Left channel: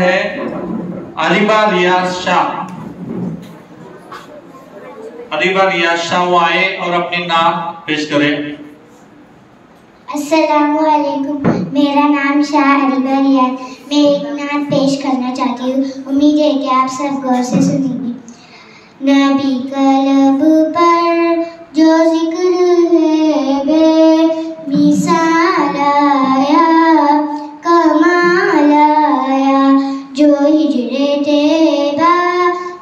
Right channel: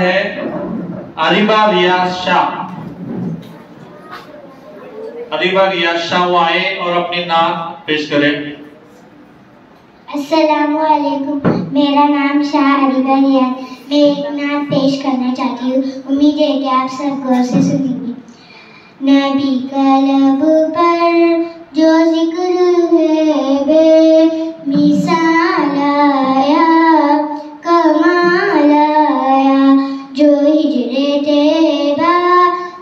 है अरीबा रियाज शाह। अरीबा रियाज शाह वो आए और अपनी नाम पेश करें। अस्सलामुअलैकुम, मेरा नाम शाह अरीबा रियाज। मैं एक नात पेश करना चाहती हूँ। उम्मीद है कि आप सब गौर से सुनेंगे। नबी का लब पर जो जिक्र है बेमिसाल आया, कमाल आया, जो हिजरे तैयबा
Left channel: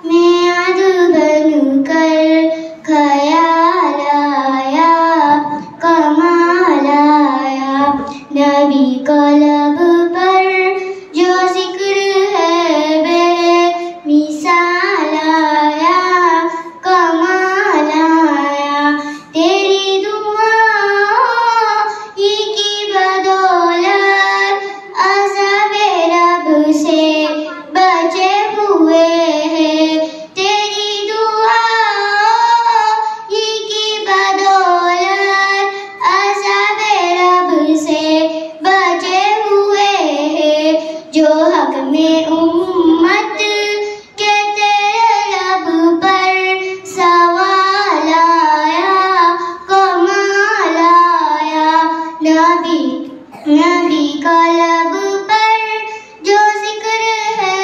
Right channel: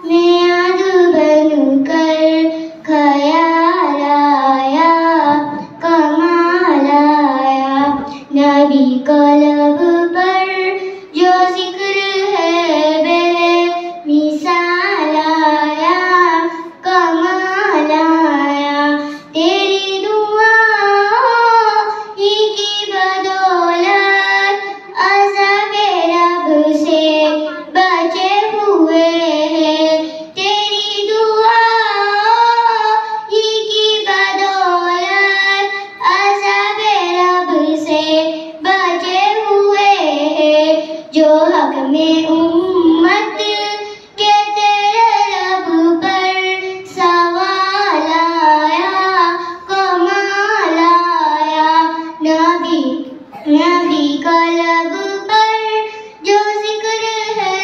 में अद बनकर ख्याल आया, कमाल आया। नबी का लब पर जो जिक्र है बेमिसाल आया, कमाल आया। तेरी दुआ ही की बदौलत अज़ाबे रब से बचे हुए हैं। तेरी दुआ ही की बदौलत अज़ाबे रब से बचे हुए हैं। जो हक में उम्मत के तेरे लब पर सवाल आया, कमाल आया। नबी का लब पर जो जिक्र है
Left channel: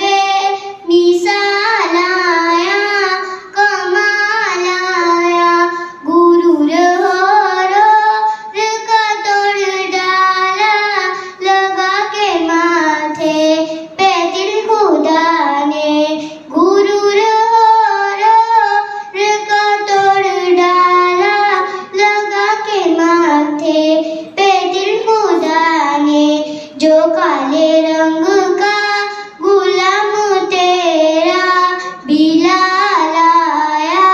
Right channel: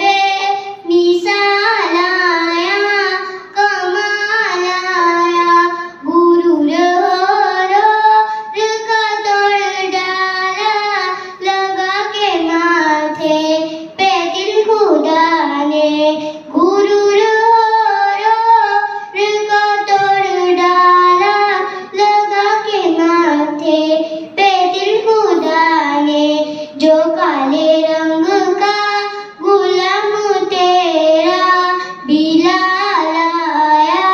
बेमिसाल आया, कमाल आया। गुरूर और का तोड़ डाला, लगा के माथे पे दिल खुदा ने। गुरूर और का तोड़ डाला, लगा के माथे पे दिल खुदा ने। जो काले रंग का गुलाम तेरा बिलाल आया,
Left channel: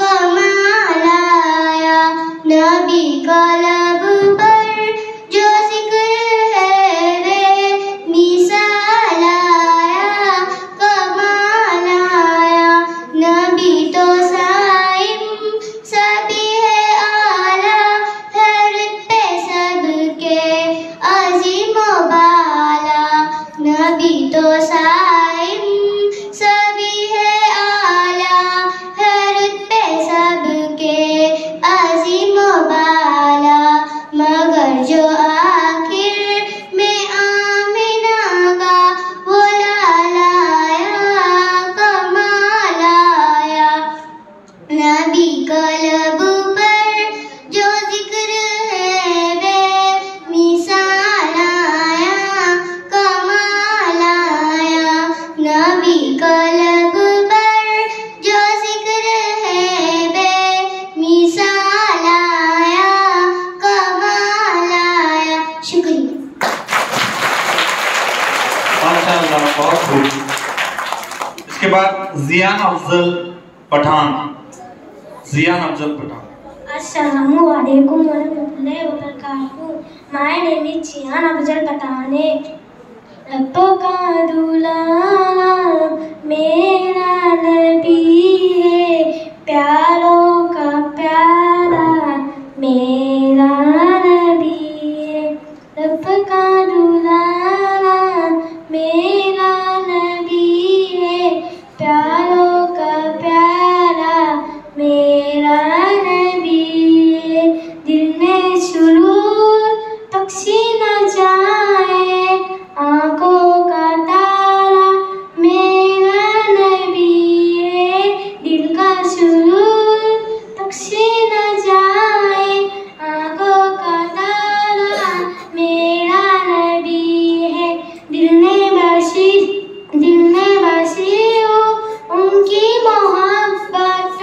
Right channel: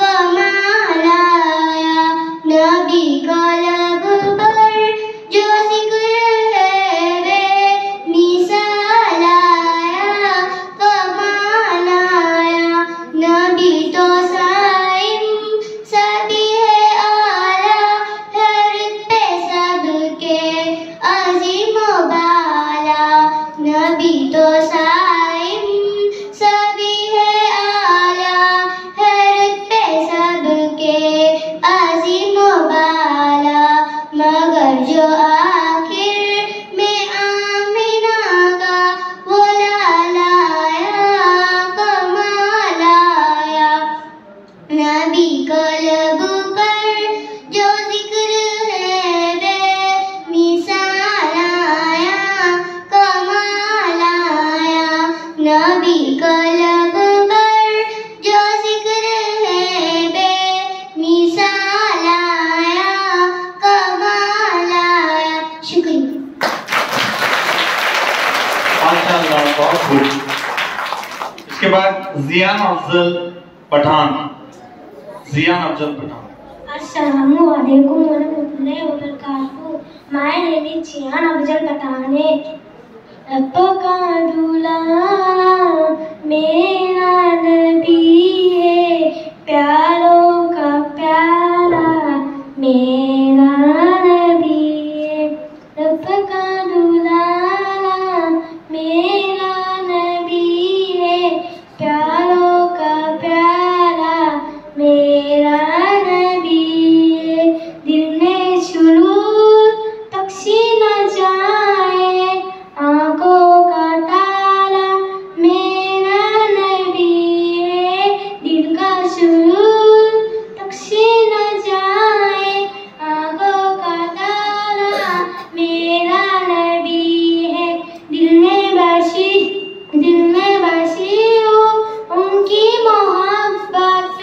कमाल आया। नबी का लब पर जो जिक्र है बेमिसाल आया, कमाल आया। नबी तो साइम सभी है आला, हर पे सबके अजीम बाला। नबी तो साइम सभी है आला, हर पे सबके अजीम बाला। मगर जो आखिर में आमिना का वो लाला आया, कमाल आया। नबी का लब पर जो जिक्र है बेमिसाल आया, कमाल आया। नबी का लब पर जो जिक्र है बेमिसाल आया, कमाल आया। शुक्रिया। माशाअल्लाह, बहुत खूब। इसके बाद जियान अफजल पठान। जियान Afzal Pathan. Assalamualaikum warahmatullahi wabarakatuh. My name is Jiyan Afzal Patane. रब का गुलाम मेरा नबी है, प्यारों का प्यारा मेरा नबी है। रब का गुलाम मेरा नबी है, प्यारों का प्यारा मेरा नबी है। दिल में सुरूर बख्शी न जाए, आंखों का तारा मेरा नबी है। दिल का सुरूर बख्शी न जाए, आंखों का तारा मेरा नबी है। दिल में बसी हो उनकी मोहब्बत,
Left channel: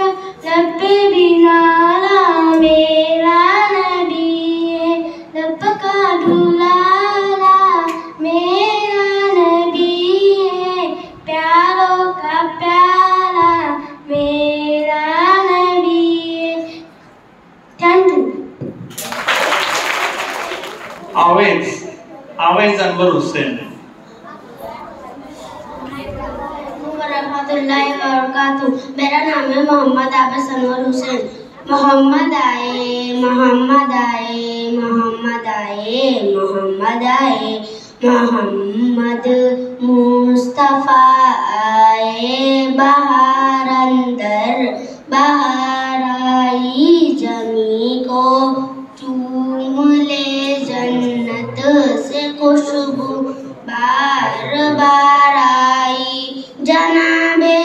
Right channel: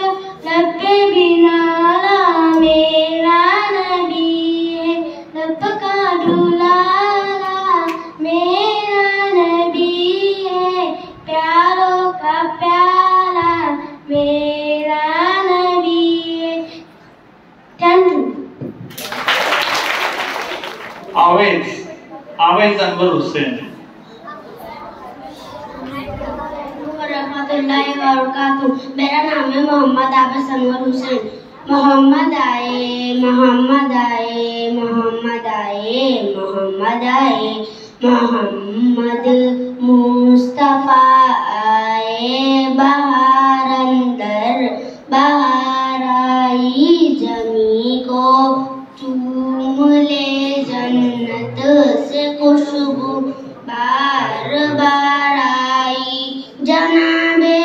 लब पे भी लाला मेरा नबी है। लब का दुलाला मेरा नबी है, प्यारों का प्यारा मेरा नबी है। Thank you. आवेज अनवर हुसैन। रहमतुल्लाहि व बरकातुहू। मेरा नाम है मोहम्मद आबिद अनवर हुसैन। मोहम्मद आए, मोहम्मद आए, मोहम्मद आए, मोहम्मद आए, मोहम्मद मुस्तफ़ा आए बाहर अंदर बाहर आई जमी को चूम ले जन्नत से खुशबू बार बार आई। जनाबे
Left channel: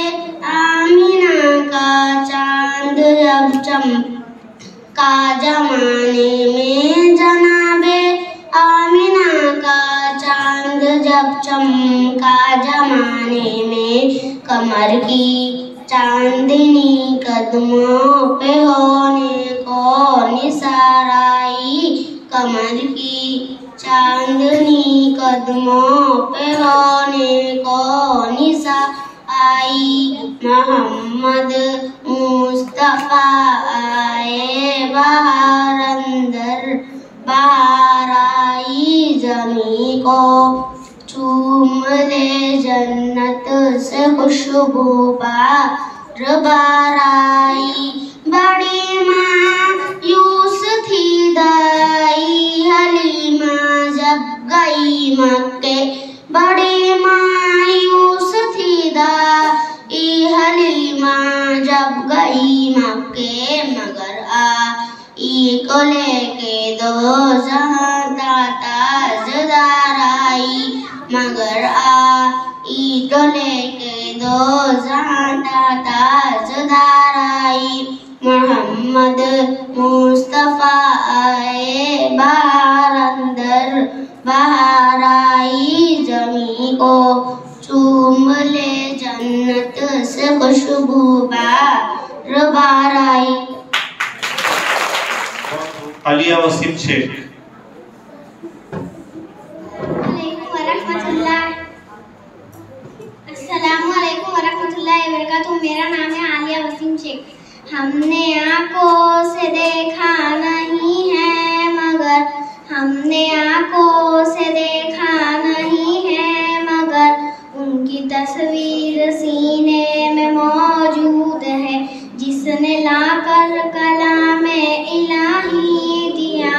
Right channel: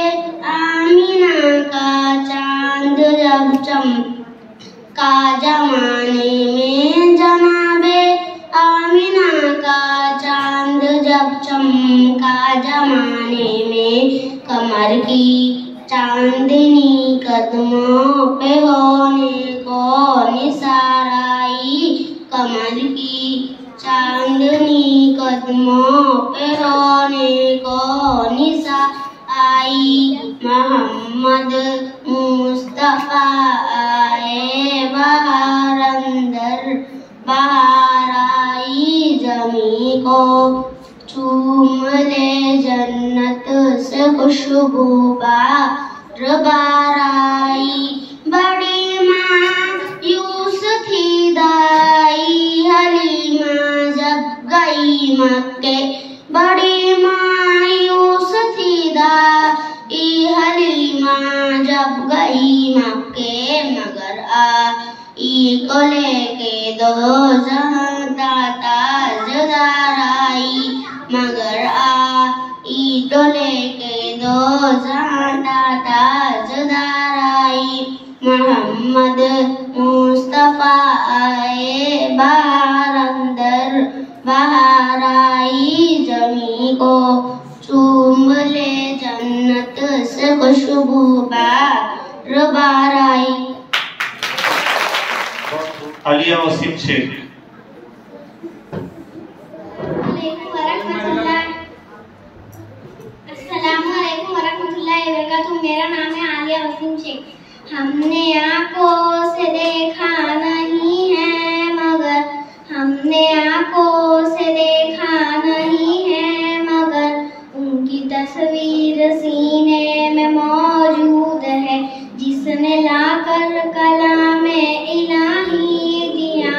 आमिना का चांद जब चमका जमाने में, जनाबे आमिना का चांद जब चमका जमाने में, कमर की चांदनी कदमों पे होने को निसार आई। कमर की चांदनी कदमों पे होने को निसार आई। मोहम्मद मुस्तफ़ा आए बाहर अंदर बाहर आई जमी को चूम ले जन्नत से खुशबू बार बार आई। बड़ी मायूस थी दाई हलीमा जब गई मक्के, बड़ी मायूस थी दाई हलीमा जब गई मक्के, मगर आई को लेके दो ताजदार आई। मगर आई को लेके दो ताजदार आई। मोहम्मद मुस्तफ़ा आए बाहर अंदर बाहर आई जमी को चूम ले जन्नत से खुशबू बार बार आई। आलिया वसीम शेख। अस्सलामुअलैकुम वरहमतुल्लाहि वबरकातुहू। मेरा नाम है आलिया वसीम शेख। हमने आंखों से देखा नहीं है मगर, हमने आंखों से देखा नहीं है मगर, उनकी तस्वीर सीने में मौजूद है। जिसने लाकर कलामे इलाही दिया,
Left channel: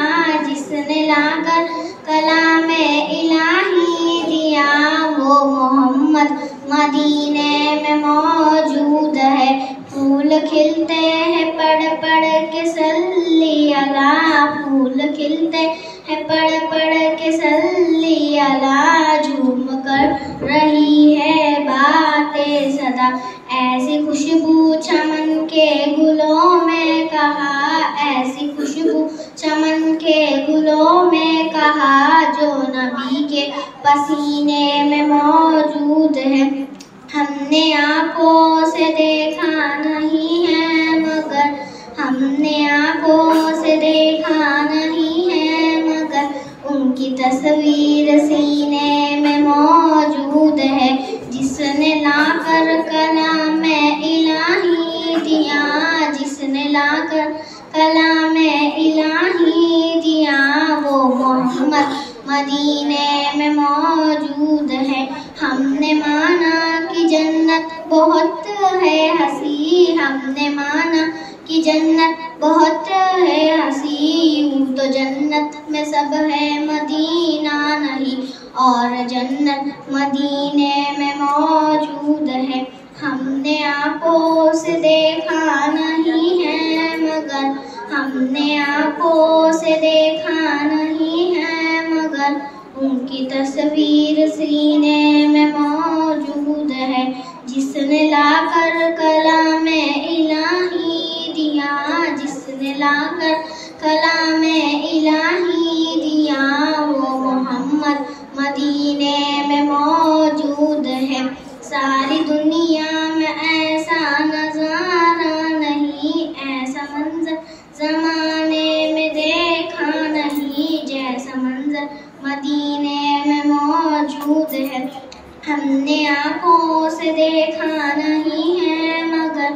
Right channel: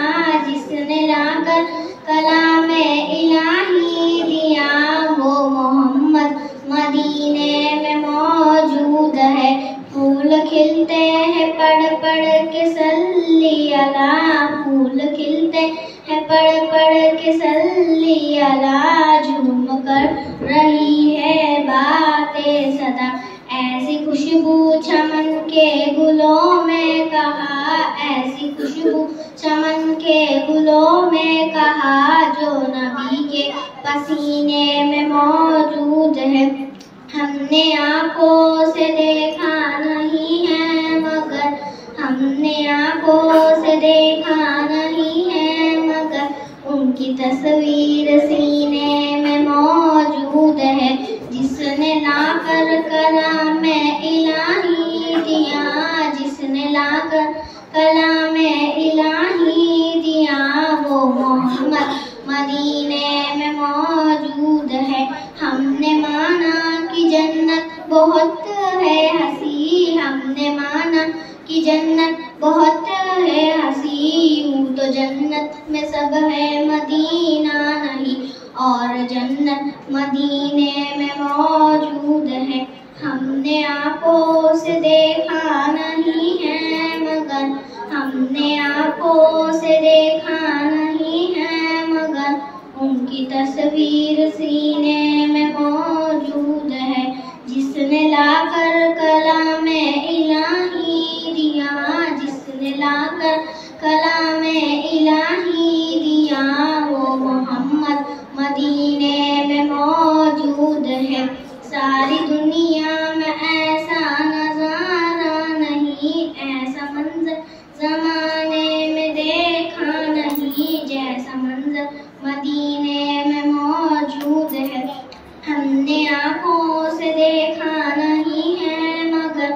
जिसने लाकर कलामे इलाही दिया, वो मोहम्मद मदीने में मौजूद है। फूल खिलते हैं पढ़ पढ़ के सल्ली अला, फूल खिलते हैं पढ़ पढ़ के सल्ली अला, झूम कर रही है बातें सदा। ऐसी खुशबू चमन के गुलों में कहा, ऐसी खुशबू चमन के गुलों में कहा, जो नबी के पसीने में मौजूद है। हमने आंखों से देखा नहीं है मगर, हमने आंखों से देखा नहीं है मगर, उनकी तस्वीर सीने में मौजूद है। जिसने लाकर कलामे इलाही दिया, जिसने लाकर कलामे इलाही दिया, वो मोहम्मद मदीने में मौजूद है। हमने माना कि जन्नत बहुत है हसी, हमने माना कि जन्नत बहुत है हसी, यूं तो जन्नत में सब है मदीना नहीं, और जन्नत मदीने में मौजूद है। हमने आंखों से देखा नहीं है मगर, हमने आंखों से देखा नहीं है मगर, उनकी तस्वीर सीने में मौजूद है। जिसने लाकर कलामे इलाही दिया, जिसने लाकर कलामे इलाही दिया, वो मोहम्मद मदीने में मौजूद है। सारी दुनिया में ऐसा नजारा नहीं, ऐसा मंजर जमाने में देखा नहीं, जैसा मंजर मदीने में मौजूद है। हमने आंखों से देखा नहीं है मगर,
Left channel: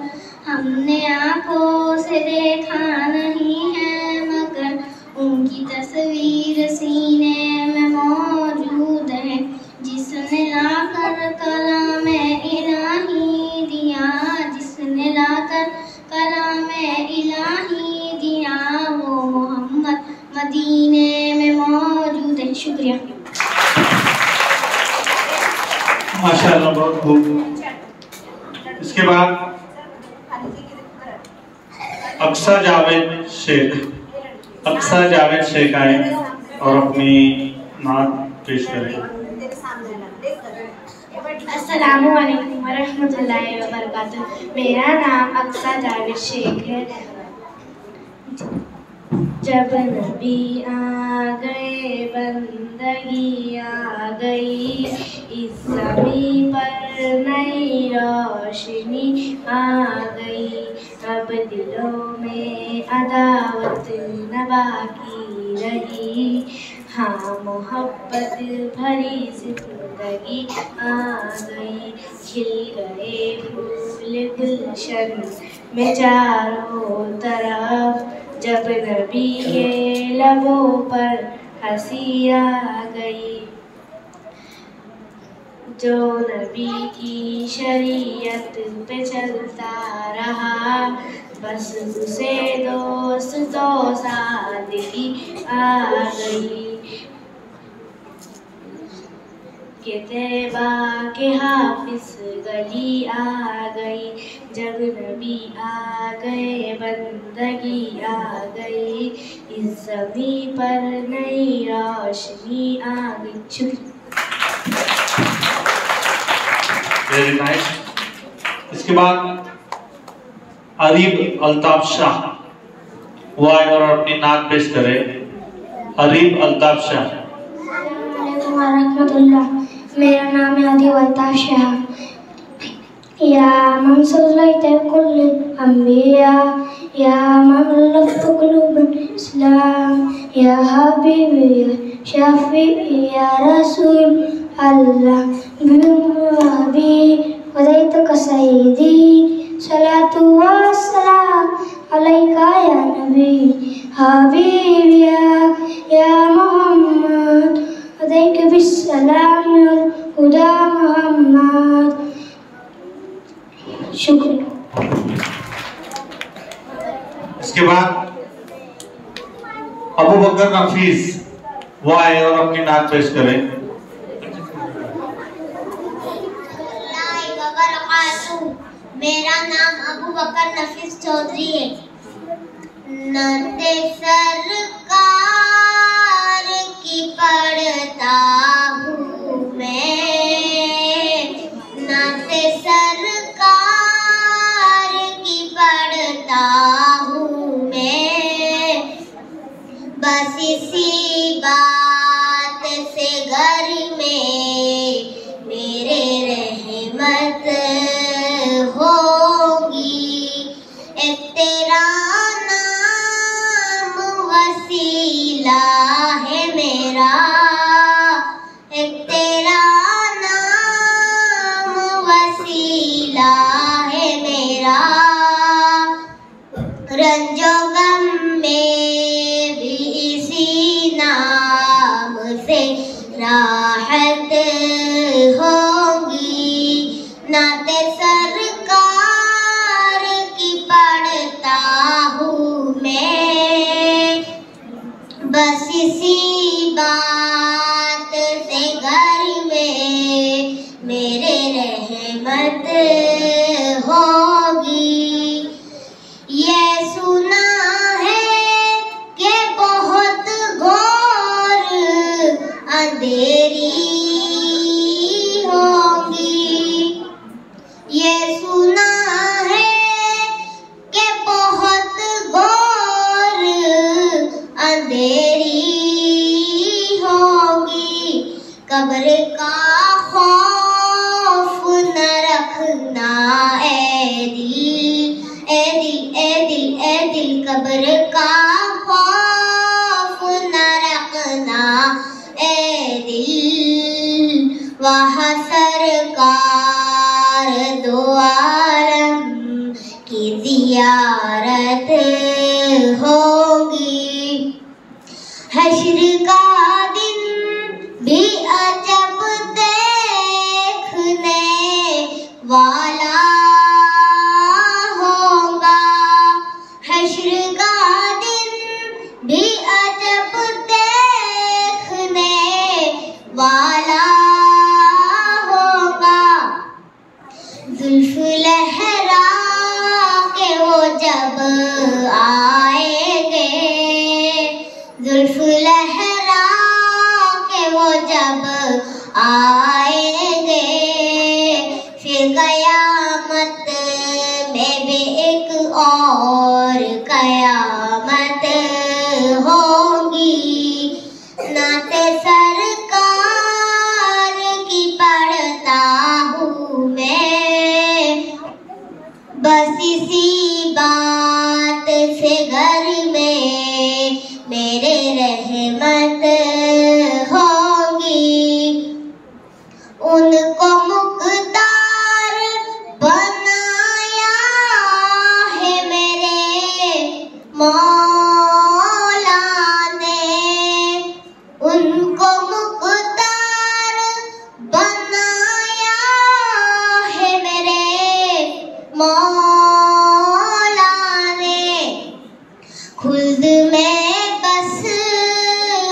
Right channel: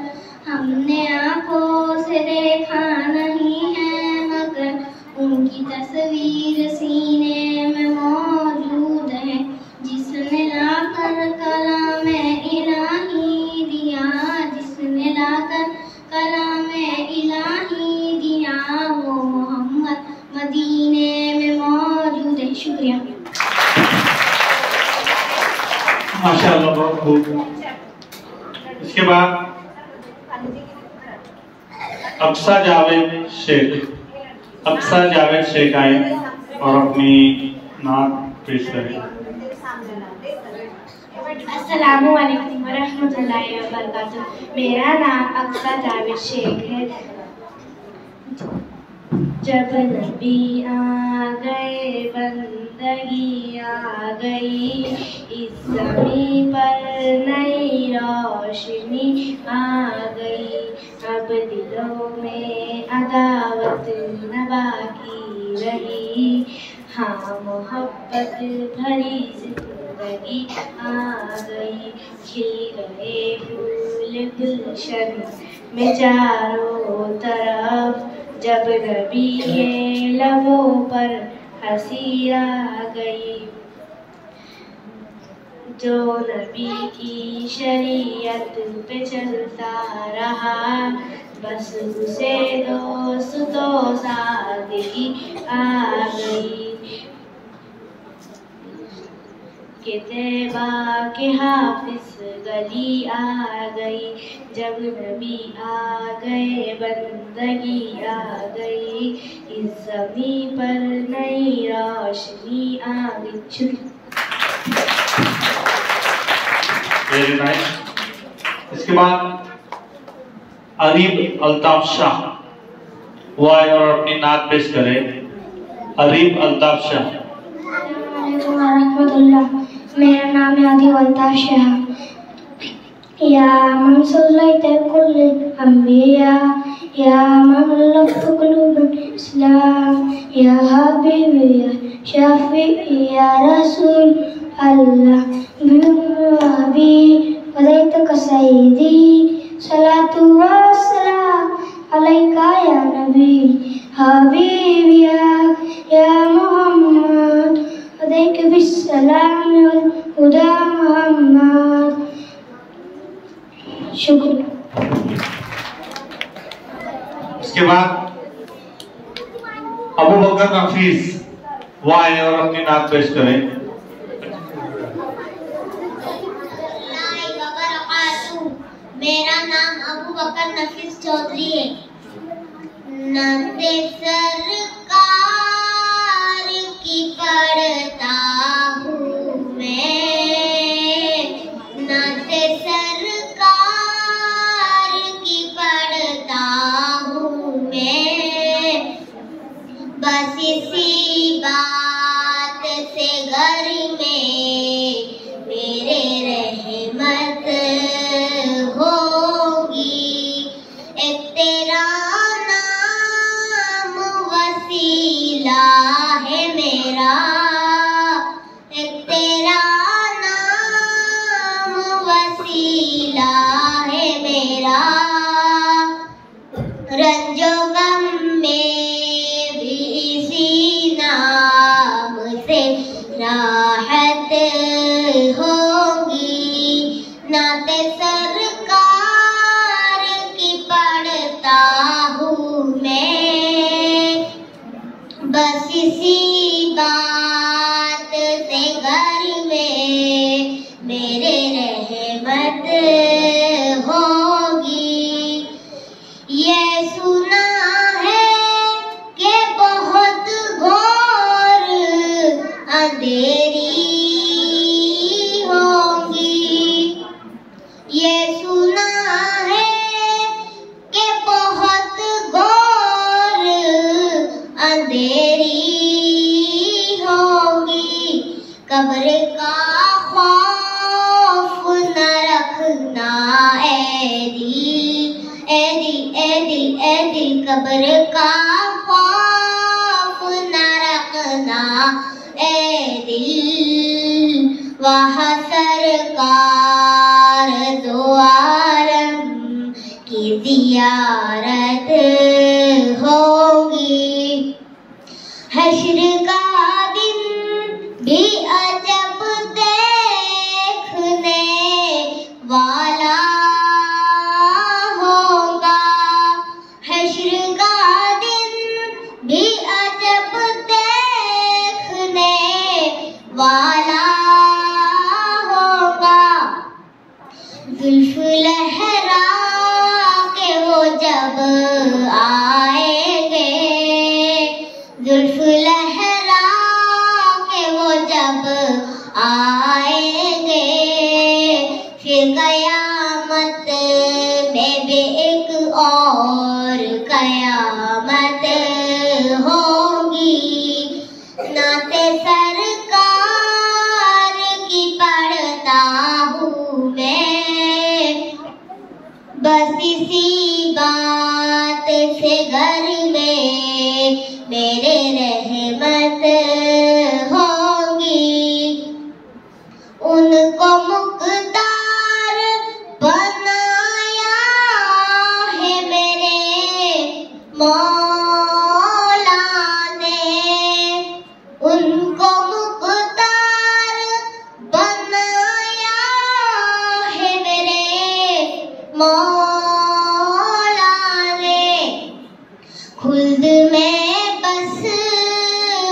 हमने आंखों से देखा नहीं है मगर, उनकी तस्वीर सीने में मौजूद है। जिसने लाकर कलामे इलाही माशाल्लाह बहुत खूब। इसके बाद अक्सा जावेद शेख आए और अपनी नात पेश करें। अस्सलामु अलैकुम वरहमतुल्लाहि वबरकातुह। मेरा नाम अक्सा जावेद शेख है। जब नबी आ गए बंदगी आ गई, इस ज़मीं पर नई रोशनी आ गई। अब दिलों में अदावत न बाकी रही, हाँ मोहब्बत भरी जिंदगी आ गई। खिल गए फूल गुलशन में चारों तरफ, जब नबी के लबों पर हंसी आ गई। जो नबी की शरीयत पे चलता रहा, बस उसे दोस्तों सादगी आ गई। के तैबा के हाफिज गली आ गई, जब नबी आ गए बंदगी आ गई। इस ज़मीं पर नई रोशनी आ गई। Very nice. इसके बाद अरीब अल्ताफ शाह वो आए और अपनी नात पेश करे। अरीब अल्ताफ शाह। मेरा नाम है अरीब अल्ताफ शाह। या मन सल्लैत कुल अंबिया, या मन लफ्त कुलूबल इस्लाम, या हबीबी या शाफी या रसूल अल्लाह बिमुहब्बी वदैतक सय्यदी सलातु व सलाम अलैका या नबी हबीबी या मोहम्मद वदैक बिस्सलाम हुदा मोहम्मद। शुक्रिया। इसके बाद अबू बकर नफीस वो आए और अपनी नात पेश करें। मेरा नाम अबू बकर नफीस चौधरी है। नते सरकार की पढ़ता हूँ मैं, नते सरकार की पढ़ता हूँ मैं। बस इसी बात से घर में मेरे रहमत होगी। एक तेरा नाम वसीला है मेरा, एक तेरा नाम वसीला है मेरा। रंजो गम में भी इसी नाम से राहत होगी। नाते सरकार की पढ़ता हूँ मैं, बस इसी बात से घर में मेरे रहमत होगी। ये सुना है कि बहुत घोर अंधेरी होगी। ये सुना है कि बहुत घोर अंधेरी होगी। कब्र का खौफ न रखना ए दिल, ए दिल, ए दिल, ए दिल। कब्र का खौफ न रखना ए दिल। वहाँ सरकार दो आलम की ज़ियारत होगी। हश्र का दिन भी अजब देखने वाला होगा। हश्र का दिन भी अजब देखने वाला होगा। जुल्फ लहरा के वो जब आएंगे, जुल्फ लहरा के वो जब आएंगे, फिर कयामत में भी एक और कयामत होगी। नाते सरकार की पढ़ता हूँ मैं, बस इसी बात से घर में मेरे रहमत होगी। उनको मुक़द्दर बनाया है मेरे मौला ने, उनको मुक़द्दर बनाया है मेरे मौला ने। खुल्द में बस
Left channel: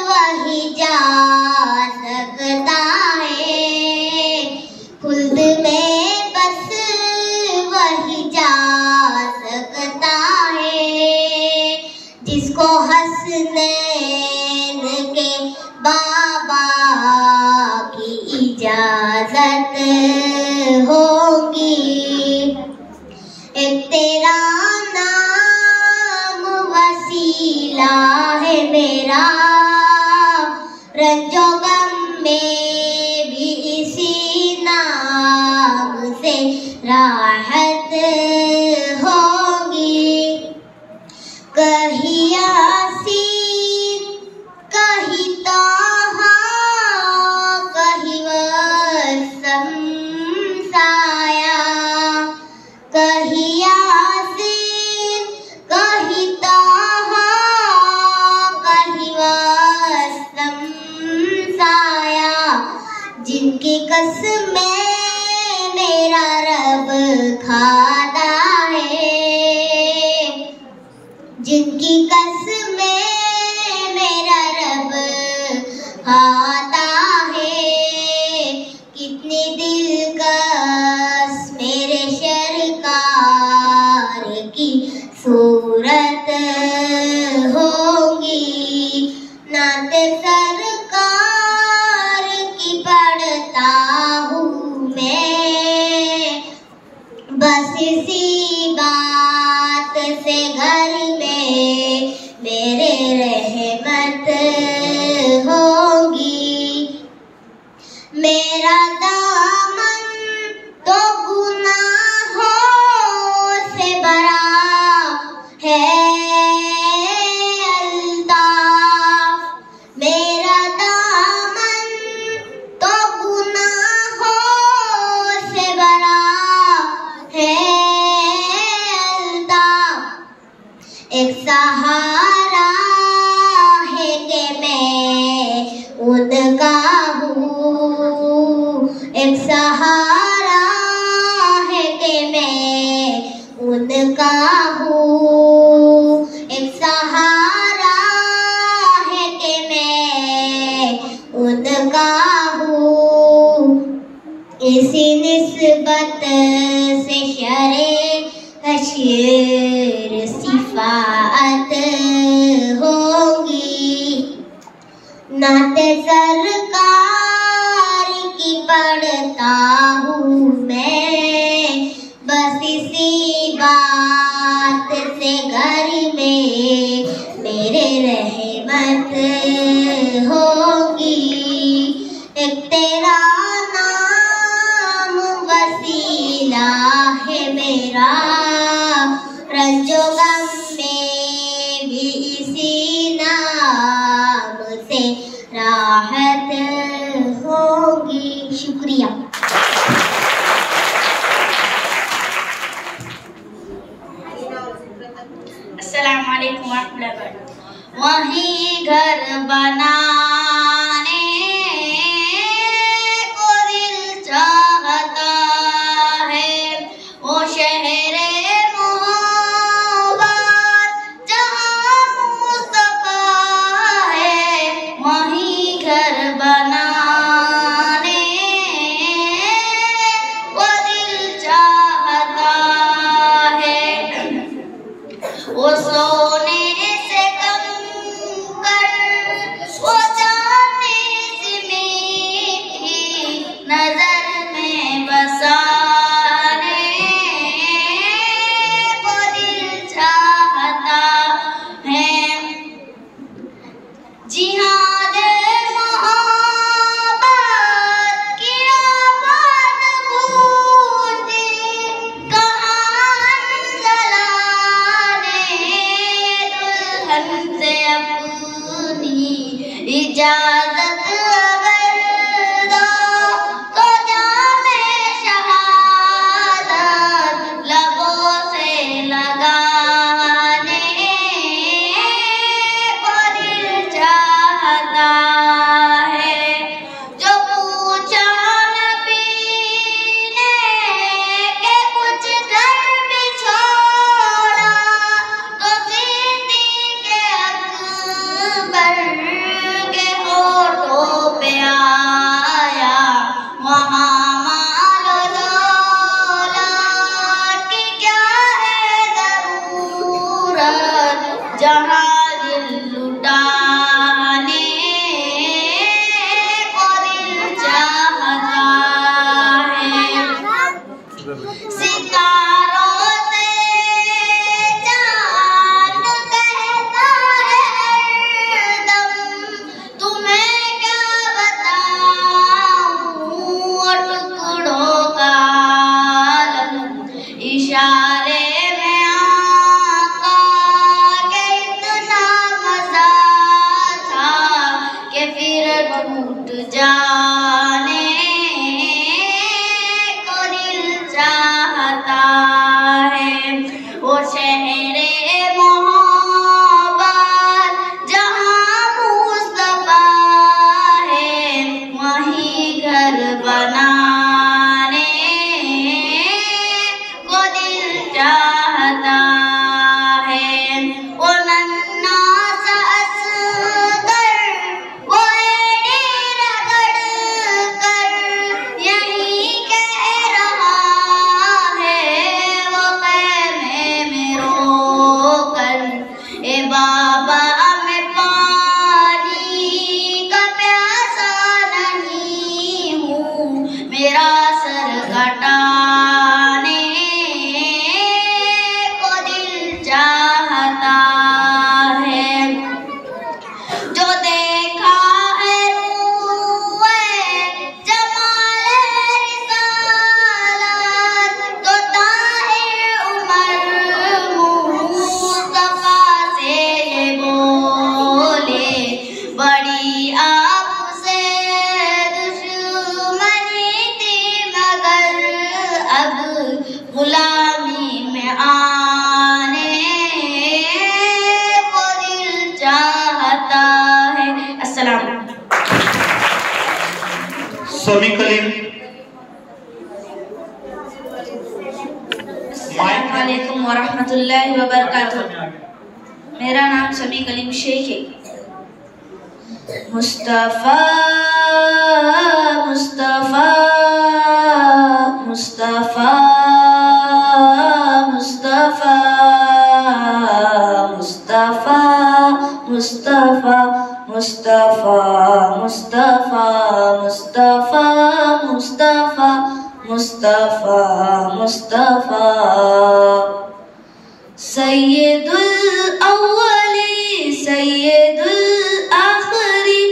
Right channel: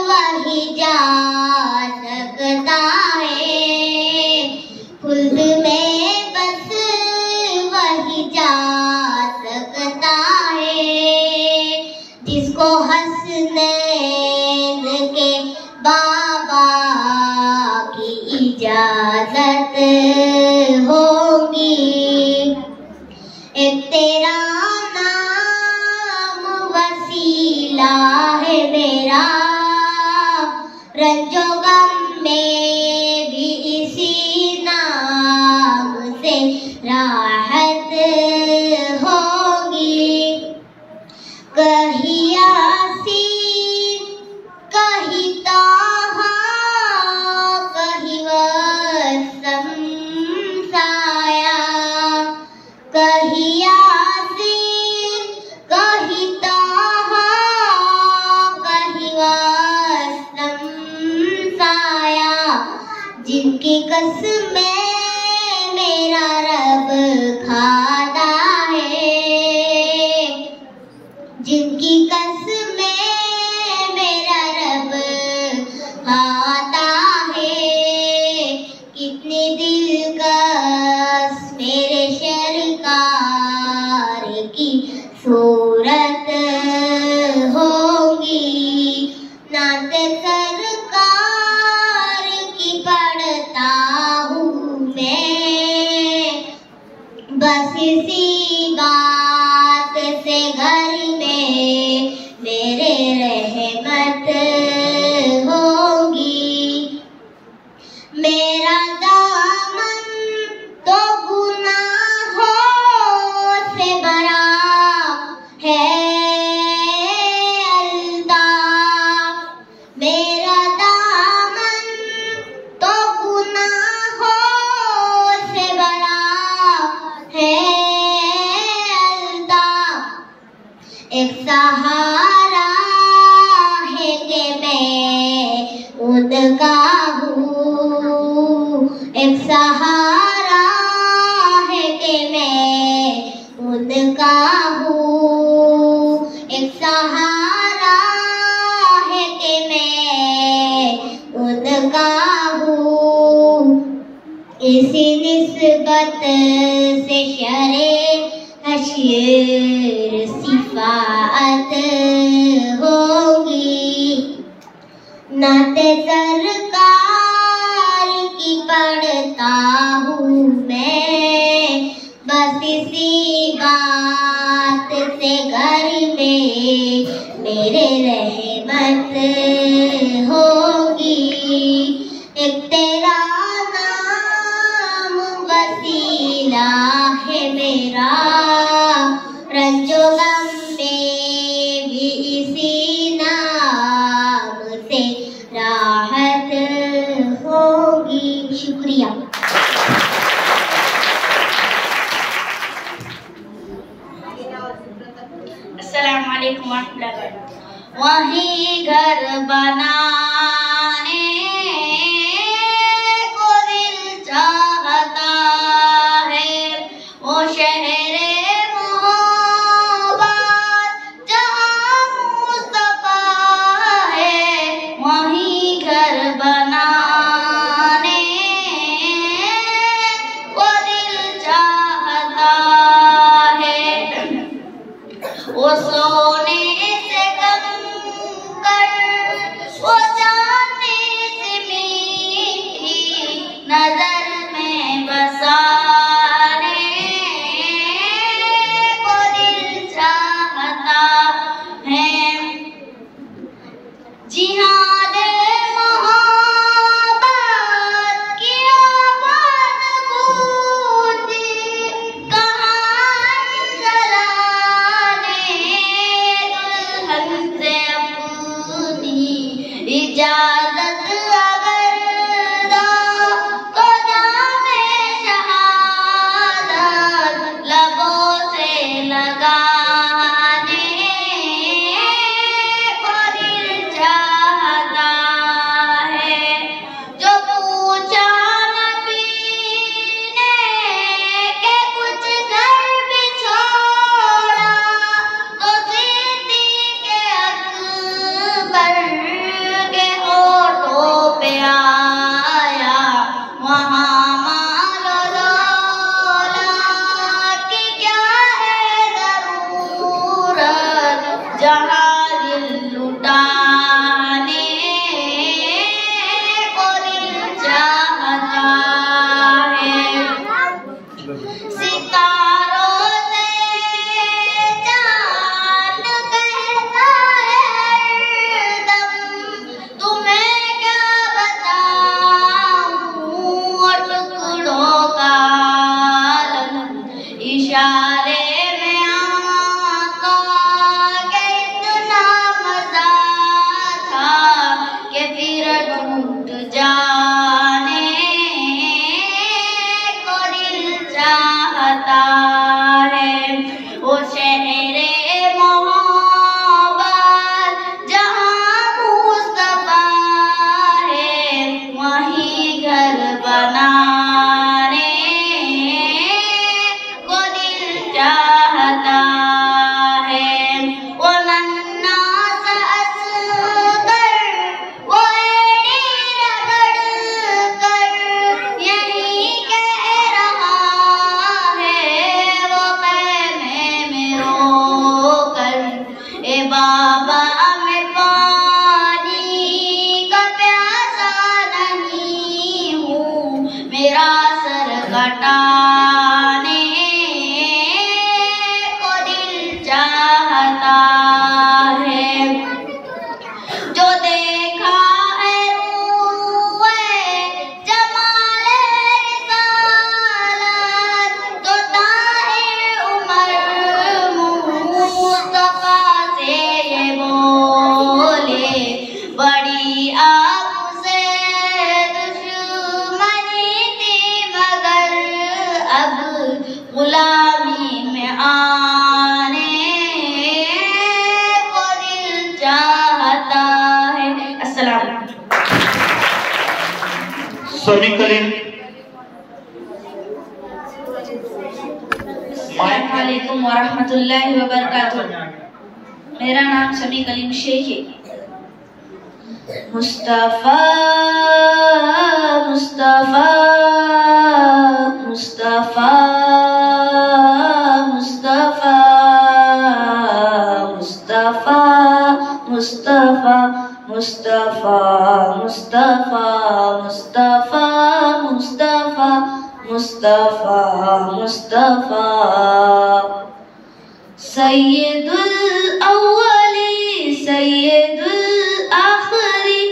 वही जा सकता है, खुल्द में बस वही जा सकता है, जिसको हसनैन के बाबा की इजाजत होगी। एक तेरा नाम वसीला है मेरा, रंजो गम में भी इसी नाम से राहत होगी। कहीं यासीन, कहीं ताहा, कहीं वसम साया, कहीं यासीन, कहीं ताहा, कहीं वसम साया, जिनकी कसमें मेरा रब खाता है, जिनकी कसमें मेरा रब खाता है। कितने दिलकश मेरे सरकार की सूरत होगी। नाते सरकार की पढ़ता हूँ मैं, बस इसी बात से घर में मेरे रहमत होगी। मेरा दामन तो गुनाहों से भरा है अल्ताफ, मेरा दामन तो गुनाहों से भरा है अल्ताफ। एक सहारा है कि मैं उनका हूँ, एक सहारा है कि मैं उनका हूँ, एक सहारा है कि मैं उनका हूँ। इसी निस्बत से शरे हश्र सिफात होगी। नाते सरकार की पढ़ता हूँ मैं, बस इसी बात से घर में मेरे रहमत होगी। एक तेरा नाम वसीला है मेरा, रंजो गम में भी इसी नाम से राहत होगी। शुक्रिया। अस्सलाम वालेकुम वरहमतुल्लाहि वबरकातुहू। वहीं घर बनाने को दिल चाहता है, वो शहरे मोहब्बत जहाँ मुस्तफा है। वहीं घर बनाने को दिल चाहता सितारों से चांद कहता है हरदम, तुम्हें क्या बताऊं टुकड़ों का आलम। इशारे में आका के इतना मजा था कि फिर टूट जाने को दिल चाहता है। वो शहरे मोहब्बत जहाँ मुस्तफा है, वहीं घर बनाने को दिल चाहता है। वो नन्हा सा असगर वो एड़ी रगड़ कर यही कह रहा है, वो ख़ैमे में रो कर, ए बाबा मैं पानी का प्यासा नहीं हूँ, मेरा सर कटाने को दिल चाहता है। जो देखा है रूए जमाले रिसालत, तो ताहिर उमर मुस्तफा से ये बोले, बड़ी आपसे दुश्मनी थी मगर अब गुलामी में आने को दिल चाहता है। अस्सलाम। समी कलीम अस्सलामुअलैकुम वरहमतुल्लाहि वबरकातुहू। मेरा नाम समी कलीम शेख है। मुस्तफा मुस्तफा मुस्तफा मुस्तफा मुस्तफा मुस्तफा मुस्तफा मुस्तफा मुस्तफा मुस्तफा मुस्तफा मुस्तफा सैयदुल अव्वली सैयदुल आखिरी,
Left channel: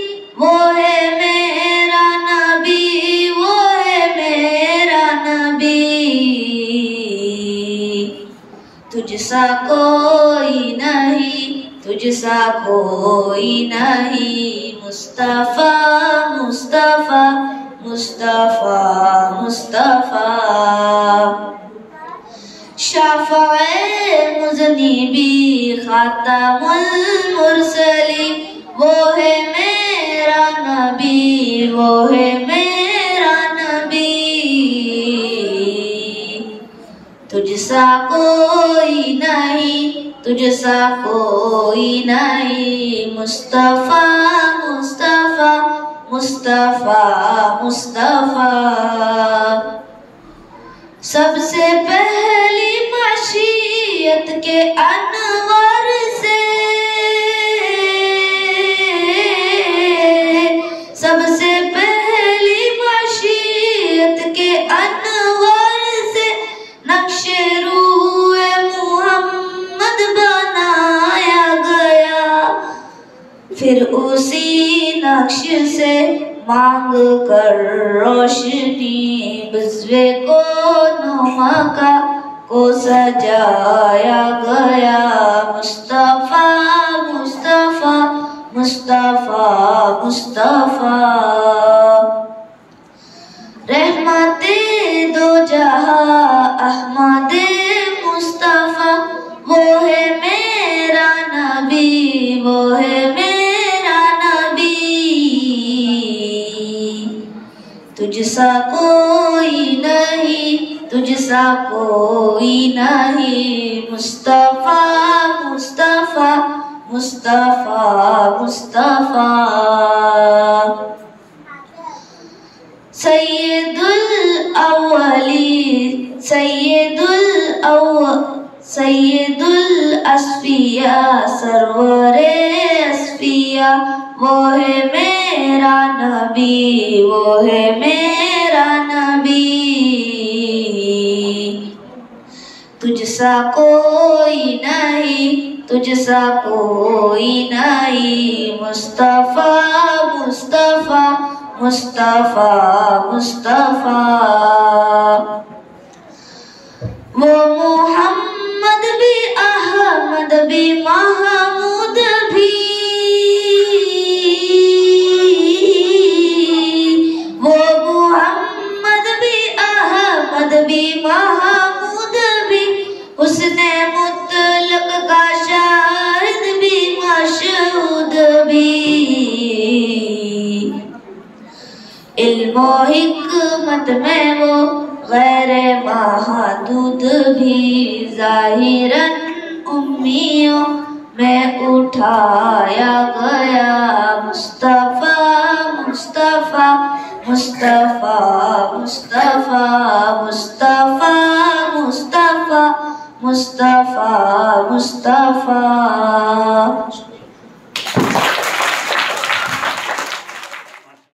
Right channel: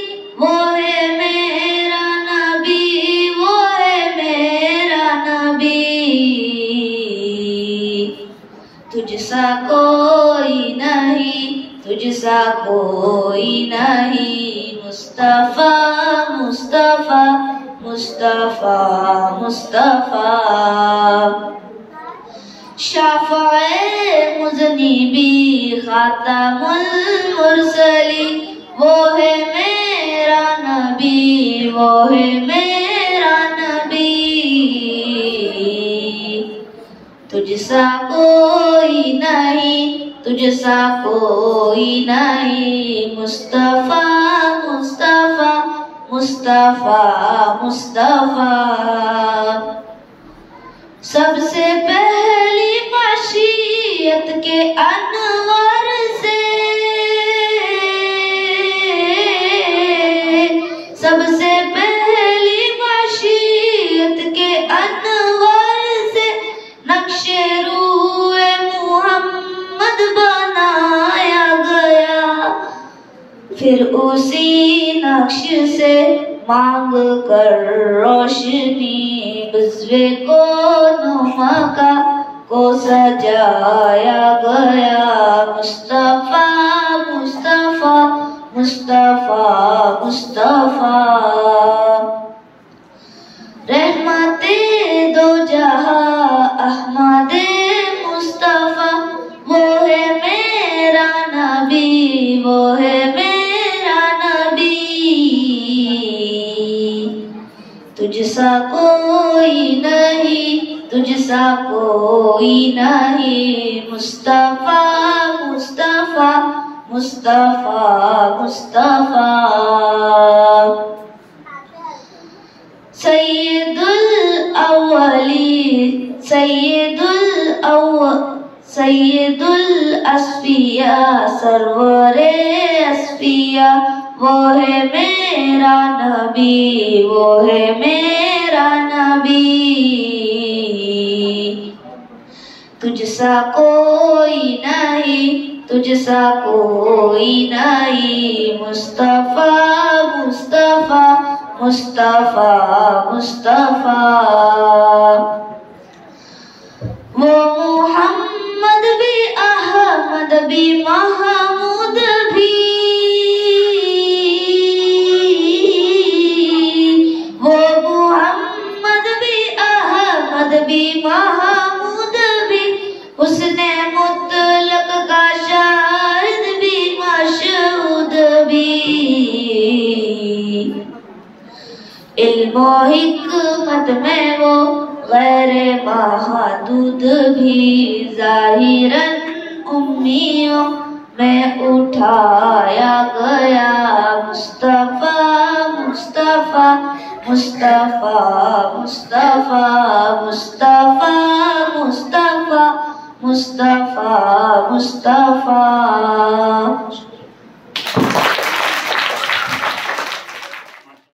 वो है मेरा नबी, वो है मेरा नबी। तुझसा कोई नहीं, तुझसा कोई नहीं, मुस्तफा मुस्तफा मुस्तफा मुस्तफा। शाफ़ाए मुज़निबी ख़ातमुल मुरसली, वो है मेरा नबी, वो है मेरा नबी। तुझसा कोई नहीं, तुझसा कोई नहीं, मुस्तफा मुस्तफा मुस्तफा मुस्तफा। सबसे पहली मशीयत के अनवर से, सबसे पहली मशीयत के अनवर से नक्शे रूए मुहम्मद बनाया गया। फिर उसी नक्श से मांग कर रोशनी बुज़्वे को नुमा का को सजाया गया। मुस्तफा मुस्तफा मुस्तफा मुस्तफा। रहमते दो जहां अहमदे मुस्तफा, वो है मेरा नबी, वो है मेरा नबी। तुझसा कोई नहीं, तुझसा कोई नहीं, मुस्तफा मुस्तफा मुस्तफा मुस्तफा। सैयदुल अव्वलीन सैयदुल अस्फिया सरवरे अस्फिया, वो है मेरा नबी, वो है मेरा नबी। तुझसा कोई नहीं, तुझसा कोई नहीं, मुस्तफा मुस्तफा मुस्तफा मुस्तफा। वो मोहम्मद भी, अहमद भी, महमूद भी, वो मोहम्मद भी, अहमद भी, महमूद भी, उसने मुतलक का शाहिद भी, मशहूद भी। इल्म और हिकमत में वो गैर महदूद भी, ज़ाहिरन उम्मियों में उठाया गया, मुस्तफा मुस्तफा मुस्तफा मुस्तफा मुस्तफा मुस्तफा मुस्तफा मुस्तफा।